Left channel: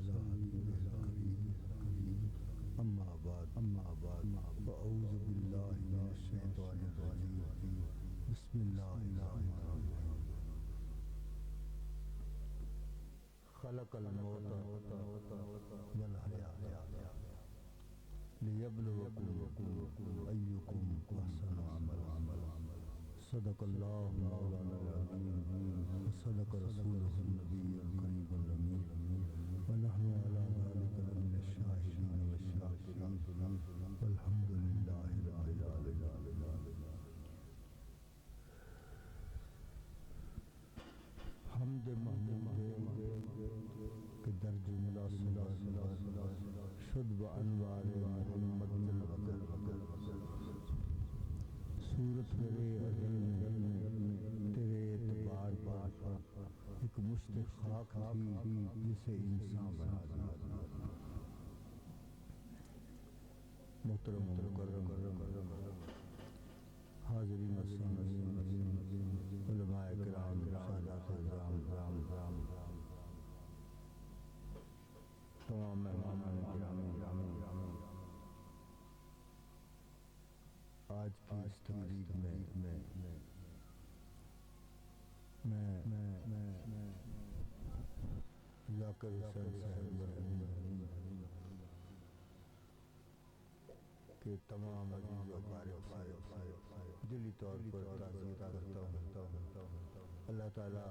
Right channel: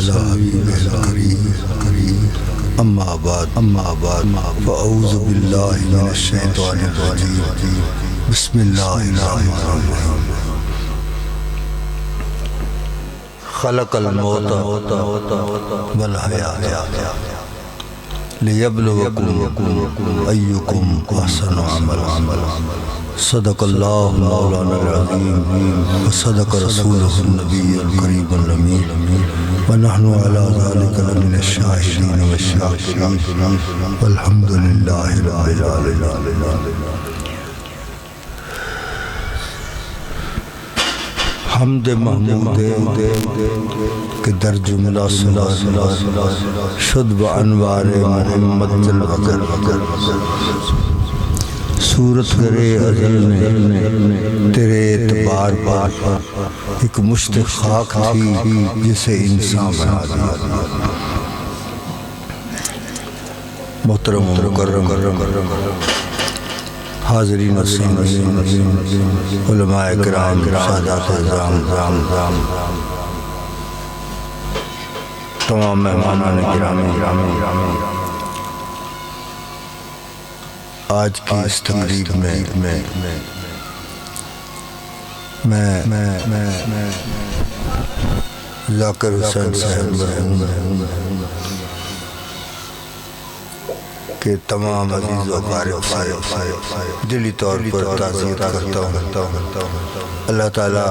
على حبيبه الكريم أما بعد فأعوذ بالله من الشيطان الرجيم بسم الله الرحمن الرحيم خلق الموت والحياة ليبلوكم أيكم أحسن عملا صدق الله مولانا العظيم وصدق رسوله النبي الكريم الأمين ونحن على ذلك لمن الشاهدين والشاكرين والحمد لله رب العالمين. حمد محمود کہ در جملہ شد بانوار محمد الوقر صورت کرے ازل میں تیرے اعتبار پر ایک مشت خاک تھی جسے انسان بنا دیا. محترم و مکرم حاضرین و سامعین علماء کرام سادات اعظام تمام مہمانان گرامی، آج کی اس تقریب میں ذاکر حسین صاحب مرحوم کہ تمام عزیز و اقارب سے دلی طور پر تعزیت کرتا ہوں. اللہ تعالیٰ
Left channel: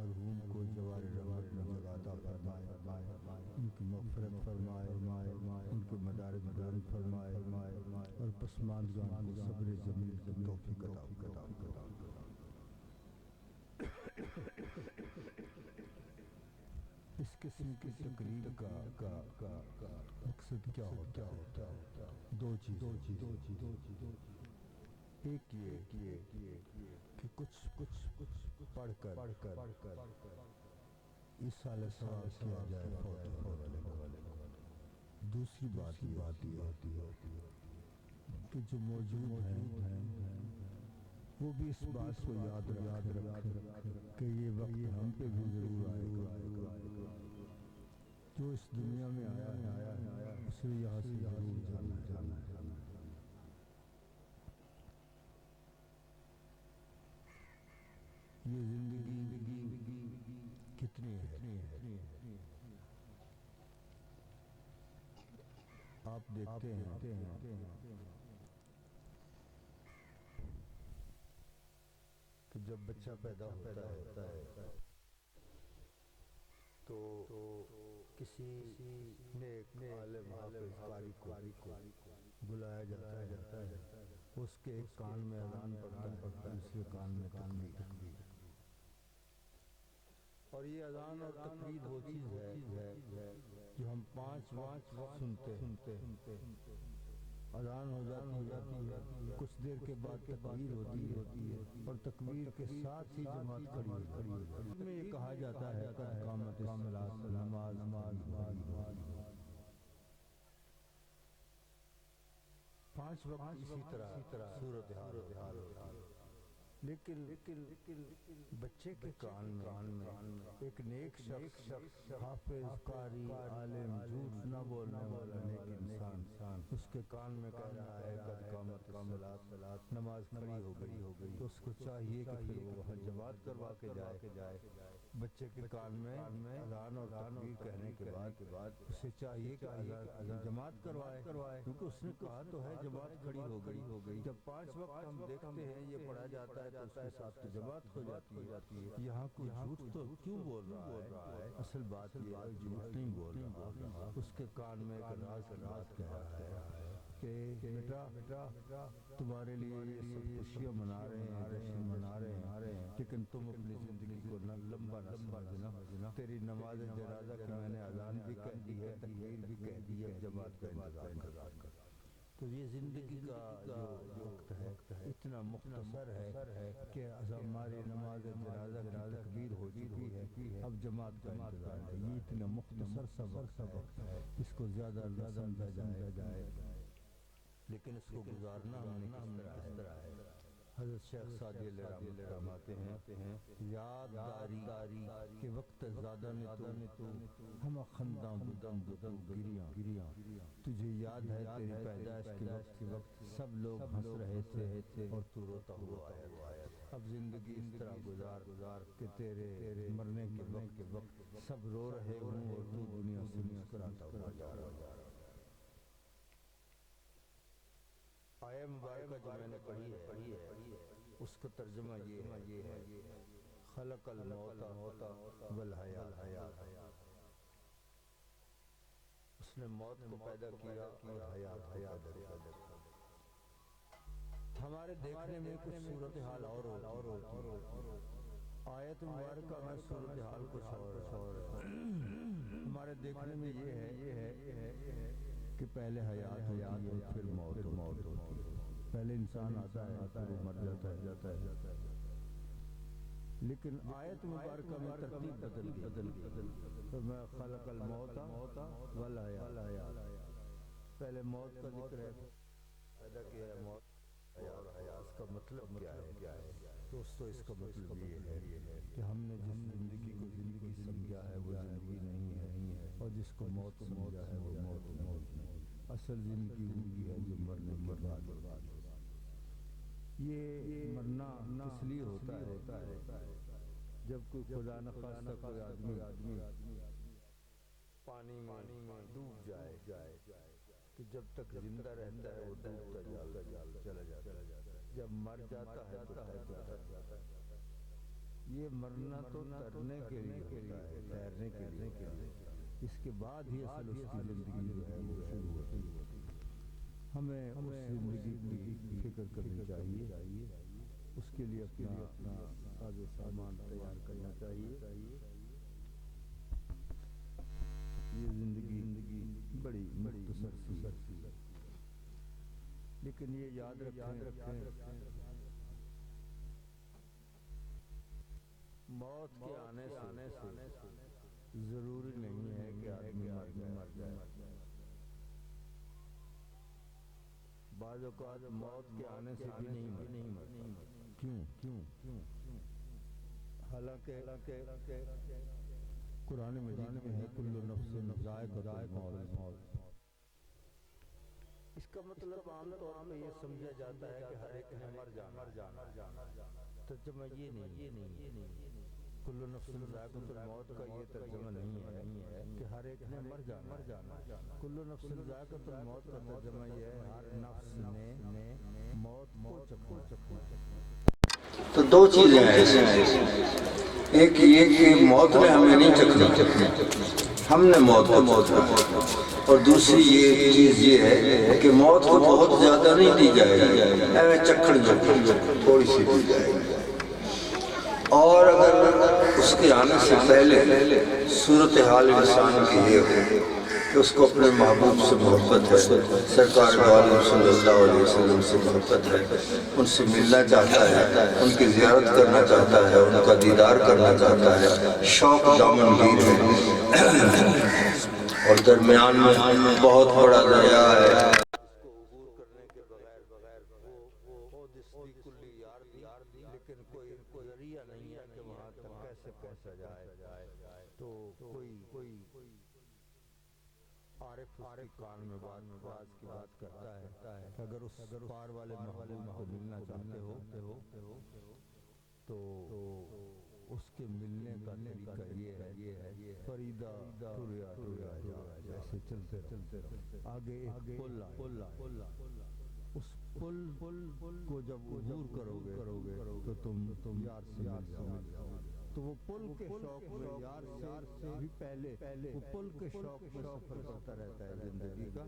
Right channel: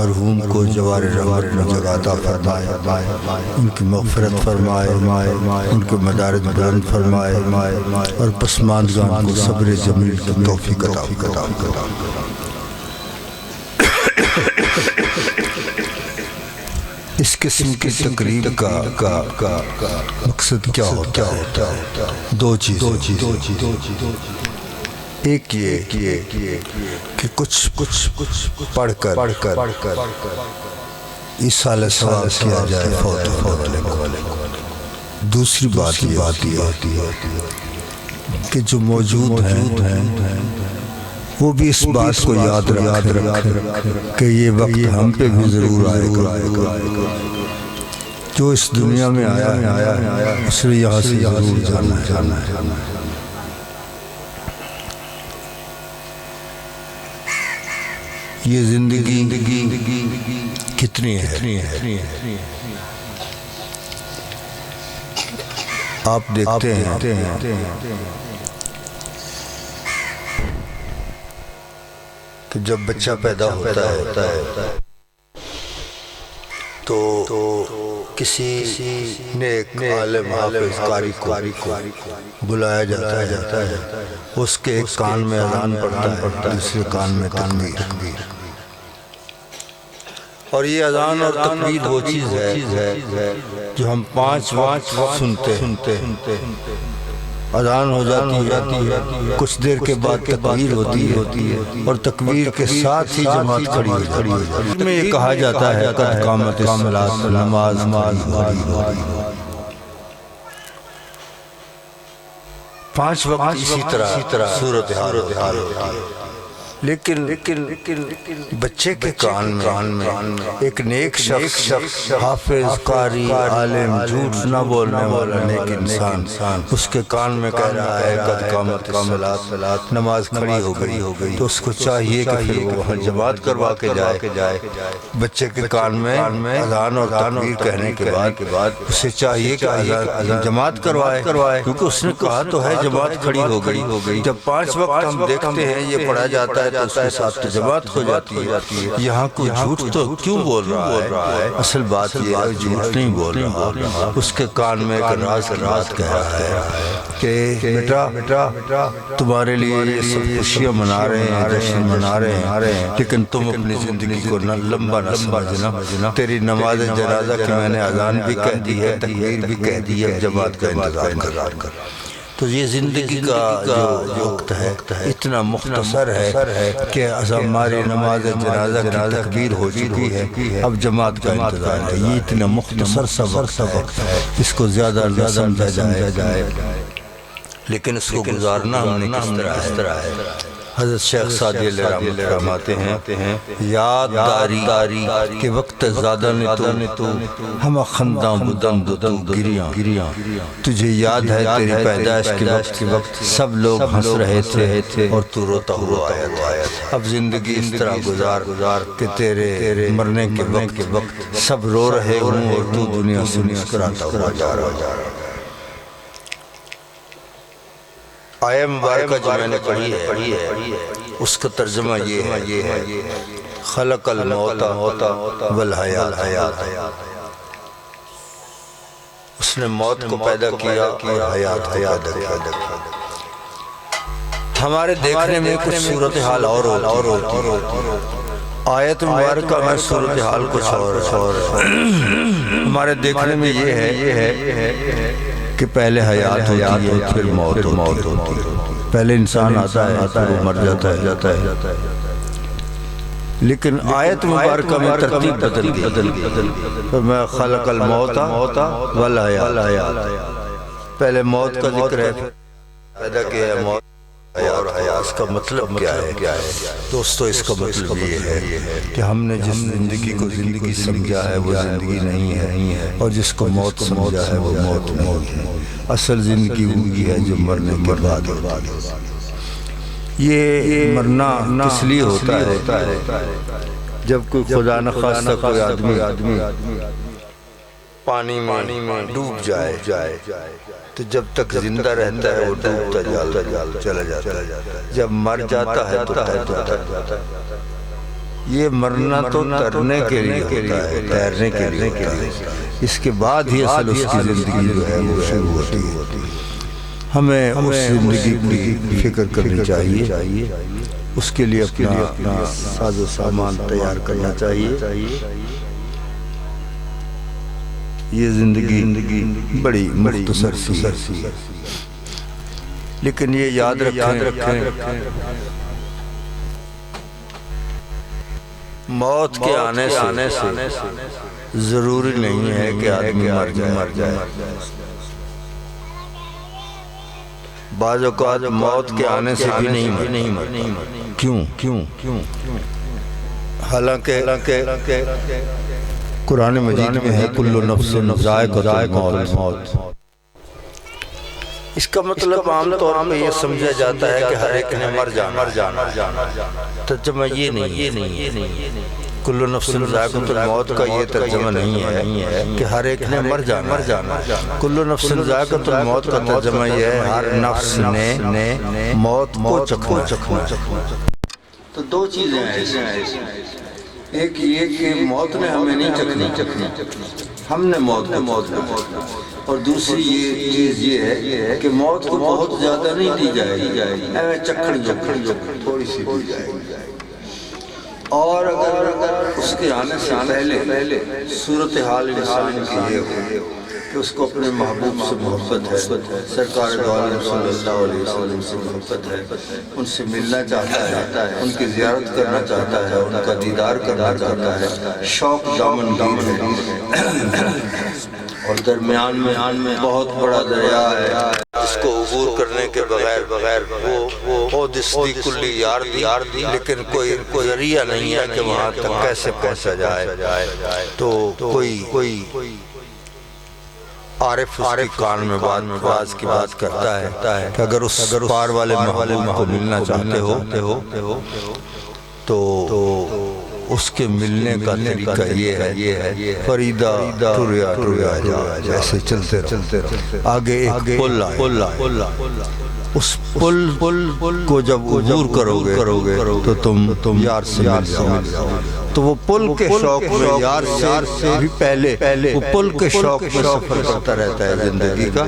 مرحوم کو جوار رحمت میں جگہ عطا فرمائے، ان کی مغفرت فرمائے، ان کے مدارج بلند فرمائے اور پسماندگان کو صبر جمیل کی توفیق عطا فرمائے. اس قسم کی تقریب کا مقصد کیا ہوتا ہے؟ دو چیزیں. ایک یہ کہ کچھ پڑھ کر اس سال ثواب کیا جائے فوت ہونے کو. دوسری بات یہ کہ جو موجود ہیں وہ بھی اس بات کو یاد رکھیں کہ یہ وقت ہم پہ بھی ضرور آئے گا. جو اس دنیا میں آیا اس نے یہاں سے ضرور جانا ہے. یہ زندگی کتنی ہے آپ دیکھتے ہیں کہ جب بچہ پیدا ہوتا ہے تو کسی نیک عالم حافظ قاری کو بلایا جاتا ہے. اس کے ایک کان میں اذان پڑھتا ہے، دوسرے کان میں تکبیر. اور یہ اذان اور تکبیر وہ چیز ہے جو ہم 5 وقت سنتے ہیں. اذان ہو جاتی ہے، کچھ دیر کے بعد تکبیر ہوتی ہے اور تکبیر کے ساتھ ہی جماعت کھڑی ہے. اس میں یہ کہا جاتا ہے قد قامت الصلاۃ، نماز ہو. 5 وقت اسی طرح صورتحال ہوتی ہے. لیکن بچے کے کان میں ایک نیک شخص حافظ قاری عالم جھوٹ نہ بولنے والا نیک انسان اس کے کان میں کہہ رہا ہے قد قامت الصلاۃ، نماز کھڑی ہو گئی، تو اس کو چاہیے کہ پھر وہ وہاں جماعت کروا کے جائے. بچے کے کان میں اذان اور تکبیر کہنے کے بعد اسے چاہیے کہ اذان جماعت کروائے، کیونکہ اس نے کہا تو ہے جماعت کھڑی ہو گئی. جب 5 وقت ہم دیکھتے ہیں یہ پڑھا جاتا ہے تو اس کے ساتھ جماعت ہو جاتی ہے. یہاں کوئی جھوٹ تو کیوں بول رہا ہے؟ اصل بات یہ ہے جھوٹ نہیں بول رہا، اس کے کان میں ایک راز کہہ رہا ہے کہ بیٹا تمہارے لیے یہ سب خوشیاں منا رہے ہیں، جشن منا رہے ہیں، لیکن تم اپنی زندگی کو لمبا نہ سمجھنا. تیری نماز جنازہ کی میں نے اذان بھی کہہ دی ہے، تکبیر بھی کہہ دی ہے، جماعت کا انتظار کر. تو یہ زندگی کا جو وقت ہے اتنا مختصر ہے کہ ہماری نماز جنازہ کی تکبیر ہو چکی ہے، اب جماعت کا انتظار ہے. یہ اتنا مختصر سا وقت ہے، اس کو زیادہ نہ سمجھا جائے، لیکن اس کو گزارنا ہم نے کس طرح ہے. حضرت شیخ سعدی علیہ رحمۃ فرماتے ہیں یاد داری کے وقت زیادہ نے تو ہم خنداں بدن دو گریاں تجھے یاد ہے تیری پیدائش کے وقت سب لوگ ہنس رہے تھے اور تو روتا ہوا آیا تھا۔ اب زندگی اس طرح گزار کہ تیرے مرنے کے وقت سب رو رہے ہوں اور تو دنیا سے مسکراتا ہوا جا رہا۔ آیہ مبارکہ جو میں نے پڑھی ہے اس کا ترجمہ یہ ہے خلق الموت والحیات، اس نے موت کو پیدا کیا اور حیات کو پیدا کیا۔ ہمارے دیکھنے میں کچھ صورتحال اور ہوتی ہے، آیت مبارکہ میں صورتحال کچھ اور ہمارے دیکھنے میں یہ ہے کہ پہلے حیات ہوتی ہے پھر موت ہوتی ہے، پہلے انسان آتا ہے پھر وہ مر جاتا ہے، لیکن آیت مبارکہ میں ترتیب بدل گئی۔ میں خلق الموت والحیات، پہلے موت کا ذکر ہے، پیدا کیا ہے موت اور حیات۔ اس کا مطلب کیا ہے دوستو؟ اس کا مطلب یہ ہے کہ ہم نے جس زندگی کو زندگی سمجھا ہے وہ زندگی نہیں ہے، اور جس کو موت سمجھا ہے وہ موت نہیں ہے۔ اصل زندگی وہی ہے جو مرنے کے بعد ہوتا ہے۔ یہ مرنا کس لیے ہوتا ہے؟ جب کوئی خدا نخواستہ کوئی آدمی پانی میں ڈوب جائے تو جب تک زندہ رہتا ہے وہ ڈوبتا چلا جاتا ہے، جب مر جاتا ہے تو تیرتا ہے۔ یہ مرنا تو ترنے کے لیے ہوتا ہے، تیرنے کے لیے ہوتا ہے، اس کے بعد ہی اصل اس کی زندگی جو ہے وہ شروع ہوتی ہے۔ ہمیں اس زندگی کی فکر کرنی چاہیے، اس کے لیے اپنا ساز و سامان تیار کرنا چاہیے۔ یہ زندگی بڑی مختصر سی ہے، لیکن یہ یاد رکھیں موت کے آنے سے ضروری نہیں ہے کہ آدمی مر جائے۔ بعض اوقات موت کے آنے سے بھی نہیں مرتا۔ کیوں؟ حالانکہ قرآن مجید میں ہے کل نفس ذائقۃ الموت۔ اس کا مطلب عام طور پہ یہ سمجھا جاتا ہے کہ ہر ایک نے مر جانا، ترجمہ یہ نہیں ہے۔ کل نفس ذائقۃ الموت کا یہ ترجمہ نہیں ہے کہ ہر ایک نے مر جانا۔ کل نفس ذائقۃ الموت کا ترجمہ یہ ہے ہر نفس نے موت کو چکھنا۔ تو دو چیزیں ہیں، ایک یہ کہ موت نے ہمیں نہیں چکھنی، ہم نے موت کو، اور دوسری یہ چیز یہ ہے کہ موت کو بہت زیادہ نہیں دی جائے گی، چکھڑ تھوڑی سی دی جائے گی۔ اور اگر اس کے آنے سے پہلے صورتحال انسان کی یہ ہو کہ اس کو اپنے محبوب سے محبت ہے، سرکار دو عالم صلی اللہ علیہ وسلم سے محبت ہے، ان سے ملنا چاہتا ہے، ان کی زیارت کرنا چاہتا ہے، ان کا دیدار کرنا چاہتا ہے، شوق دامن گیر ہے، اور درمیان میں بہت بڑا دریا ہے اس کو عبور کرنے کے بغیر وہ دستی کلی یار دی، لیکن کوئی ذریعہ نہیں ہے کہ وہاں تک کیسے پہنچا جائے۔ تو کوئی عارف اس کی کان میں باز کی بات کرتا ہے کہ اگر اس پار والے محبوب کو ملنا چاہتے ہو تو اس کے ملنے کا طریقہ یہ ہے فریدہ ٹریا جا، ایسے چلتے رہو، آگے ایک پل آئے، اس پل کو جب عبور کرو گے تو تم یار سے مل جاؤ۔ تو وہ پل کے شوق میں یار سے بھی پہلے وہ پل کے شوق میں سفر کرتا رہتا ہے زندگی کا۔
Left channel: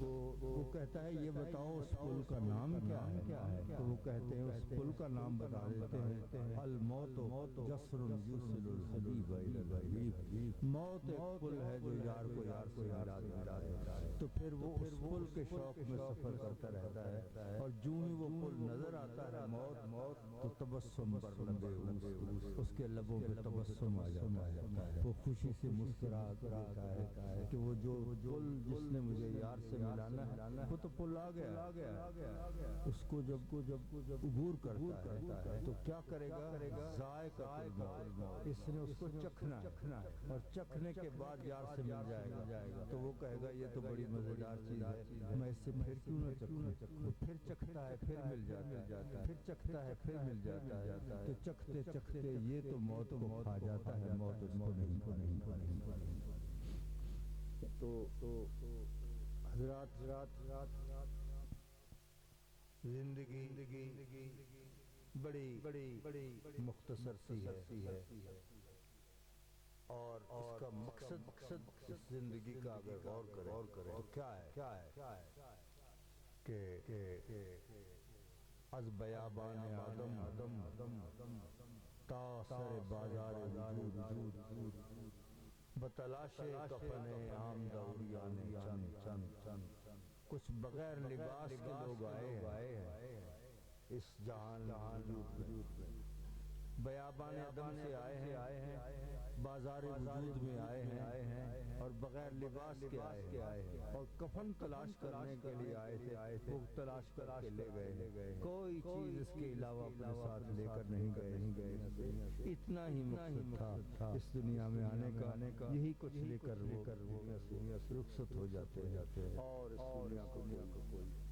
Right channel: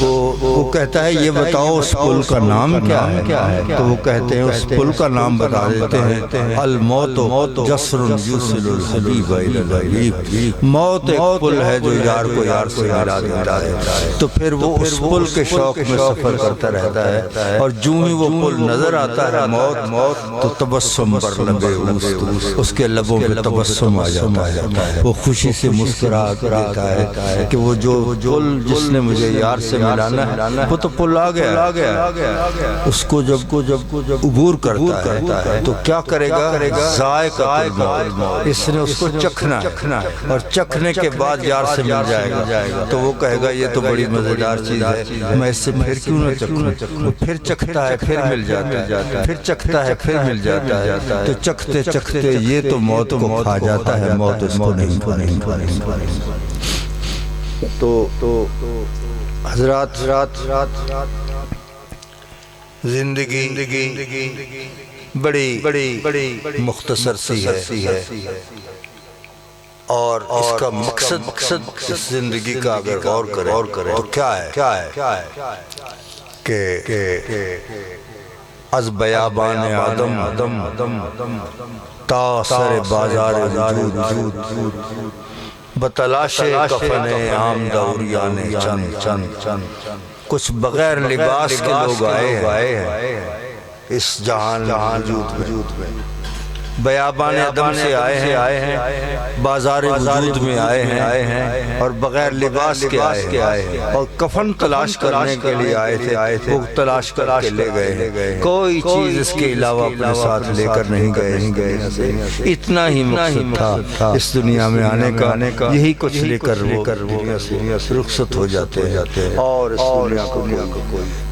وہ کہتا ہے یہ بتاؤ اس پل کا نام کیا ہے؟ تو وہ کہتے ہیں اس پل کا نام بتا دیتے ہیں الموت جسر یوصل الحبیب الی الحبیب، موت ایک پل ہے جو یار کو یار سے ملا دیتا ہے۔ تو پھر وہ اس پل کے شوق میں سفر کرتا رہتا ہے، اور جوں ہی وہ پل نظر آتا ہے موت تو تبسم بر لب اوست، اس کے کے لبوں پہ تبسم آ جاتا ہے، وہ خوشی سے مسکرا دیتا ہے کہ وہ جو پل جس نے مجھے یار سے ملانا ہے وہ تو پل آ گیا، اس کو جب عبور کرتا ہے تو کیا کرے گا؟ ذائقہ الموت، اس نے اس کو چکھنا ہے اور چکھنے کے بعد یار سے مل جائے گا تو وہ کہے گا یہ تو بڑی مزیدار چیز ہے، میں اس سے پھر کیوں نہ چکھوں؟ وہ پھر چکھتا ہے، پھر مل جاتا ہے، پھر چکھتا ہے، پھر مل جاتا ہے، تو چکھتے چکھتے یہ تو موت کو کھا جاتا ہے، موت اس کو نہیں کھاتی۔ تو حضرات زندگی بڑی مختصر سی ہے، اور اس کا مقصد اس زندگی کا اگر غور کرے تو کیا ہے کہ از بیابان آدم تا سر بازار وجود بتلاش کفن عام دوریان چند، کچھ بغیر لباس کے لوگ آئے ہیں اس جہان وجود میں، بیابان آدم سے آئے ہیں، بازار وجود میں آئے ہیں، اور بغیر لباس کے آئے ہیں، اور کفن تلاش کرنے کے لیے آئے تھے، وہ تلاش کر کے لے گئے، کوئی چیز اس کے علاوہ اپنے ساتھ لے کر نہیں گئے، اتنا ہی مقصد تھا اس دنیا میں آنے کا، یہی کچھ لے کر وہ دنیا سے رخصت ہو جاتے ہیں، اور اس دنیا کو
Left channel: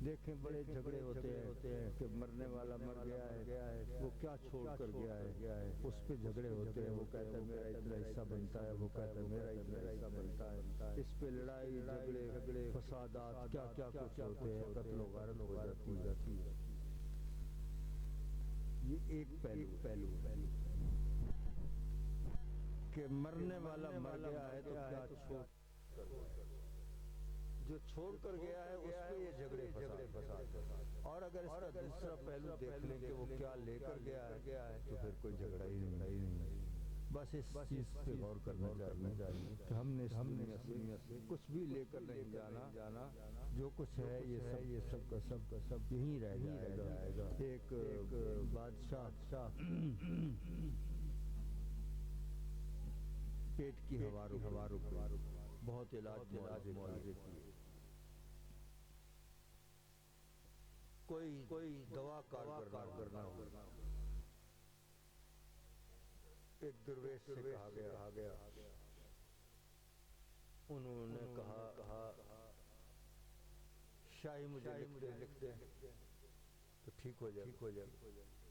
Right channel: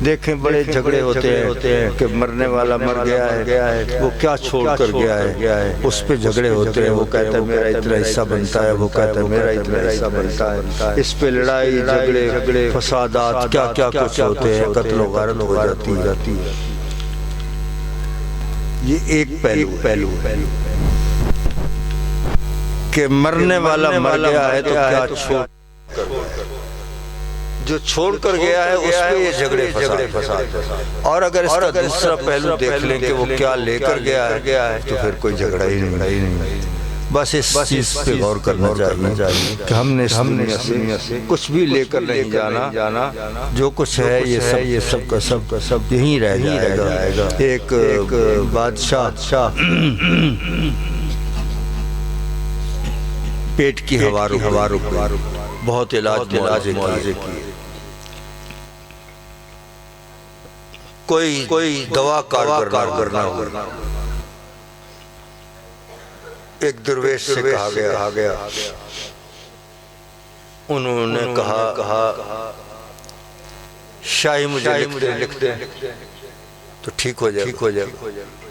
دیکھیں بڑے جھگڑے ہوتے ہیں کہ مرنے والا مر گیا ہے، وہ کیا چھوڑ کر گیا ہے، اس پہ جھگڑے ہوتے ہیں، وہ کہتا ہے میرا اتنا حصہ بنتا ہے، وہ کہتا ہے میرا اتنا حصہ بنتا ہے، اس پہ لڑائی جھگڑے فسادات کیا کچھ ہوتے ہیں، قتل و غارت ہو جاتی ہے۔ یہ ایک پہلو ہے کہ مرنے والا مر گیا ہے تو کیا چھوڑ جو چھوڑ کر گیا ہے اس پہ یہ جھگڑے فساد، اور اگر اس کا دوسرا پہلو دیکھ لیں کہ وہ کیا لے کر گیا ہے تو پھر کوئی جھگڑا ہی نہیں، بس اس چیز پہ غور کرنا چاہیے کہ ہم نے دنیا سے کچھ بھی لے کر نہیں جانا، جو کچھ ہے یہ سب کا سب یہیں رہ جائے گا۔ ایک بادشاہ پیٹ کی ہوا رک بہت علاج معالجے کی، کوئی دوا کارگر کرنا ہو، ایک درویش سے کہا گیا، انہوں نے کہا شاہی مجھے لکھ دیں تو ٹھیک ہو جائے،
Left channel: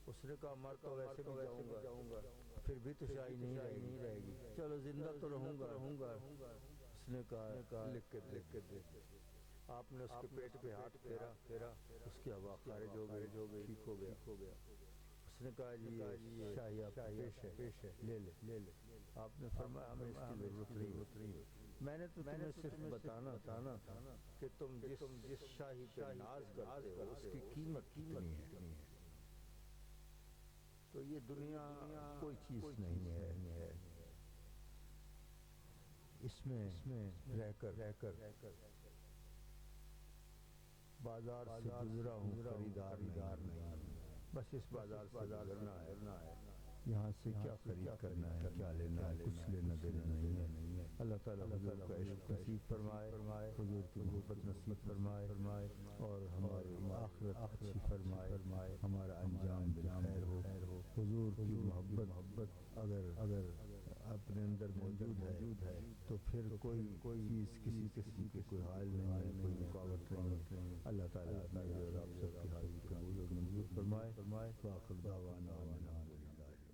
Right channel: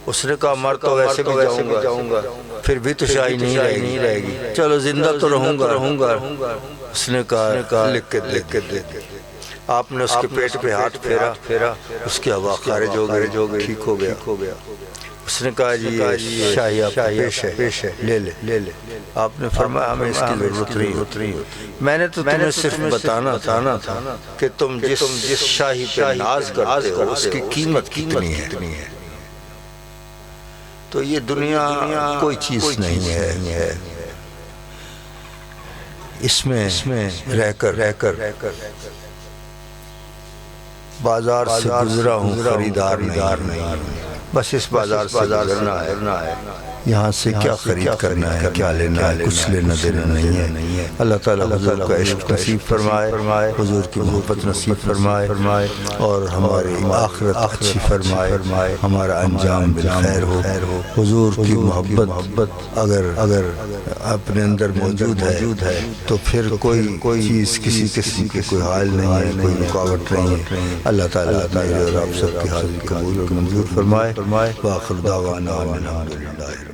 اس نے کہا مر تو ویسے بھی جاؤں گا، پھر بھی تو شاہی نہیں رہے گی، چلو زندہ تو رہوں گا، اس نے کہا لکھ کے دے، آپ نے اس کے پیٹ پہ ہاتھ پھیرا، اس کی ہوا خارج ہو گئی، ٹھیک ہو گیا، اس نے کہا جی شاہی آپ پیش ہے، لے لے، آپ نے فرمایا ہمیں اس کی ضرورت نہیں، میں نے تو تمہیں صرف بتانا تھا کہ تم جس شاہی پہ ناز کرتے ہو اس کی قیمت کتنی ہے، تو یہ دنیا کوئی چیز نہیں ہے، اس میں رہ کر بازار سے گزرا ہوں، خریدار نہیں، بس اس بازار سے گزرنا ہے، یہاں سے کیا خرید کرنا ہے، کیا لینا ہے، کچھ لینا دینا نہیں ہے۔ اللہ تعالیٰ حضور کا عشق نصیب فرمائے، حضور کی محبت نصیب فرمائے، اور ہماری آخرت اچھی فرمائے، ہمارا انجام بالخیر ہو۔ حضور کی محبت اگر اپنے اندر موجود ہے تو پھر کوئی چیز کسی قسم کی کوئی حال نہیں ہے، کوئی رکاوٹ نہیں ہے۔ اللہ تعالیٰ میرے اور آپ سب کی حاضری قبول اور منظور فرمائے۔ وآخر دعوانا الحمدللہ۔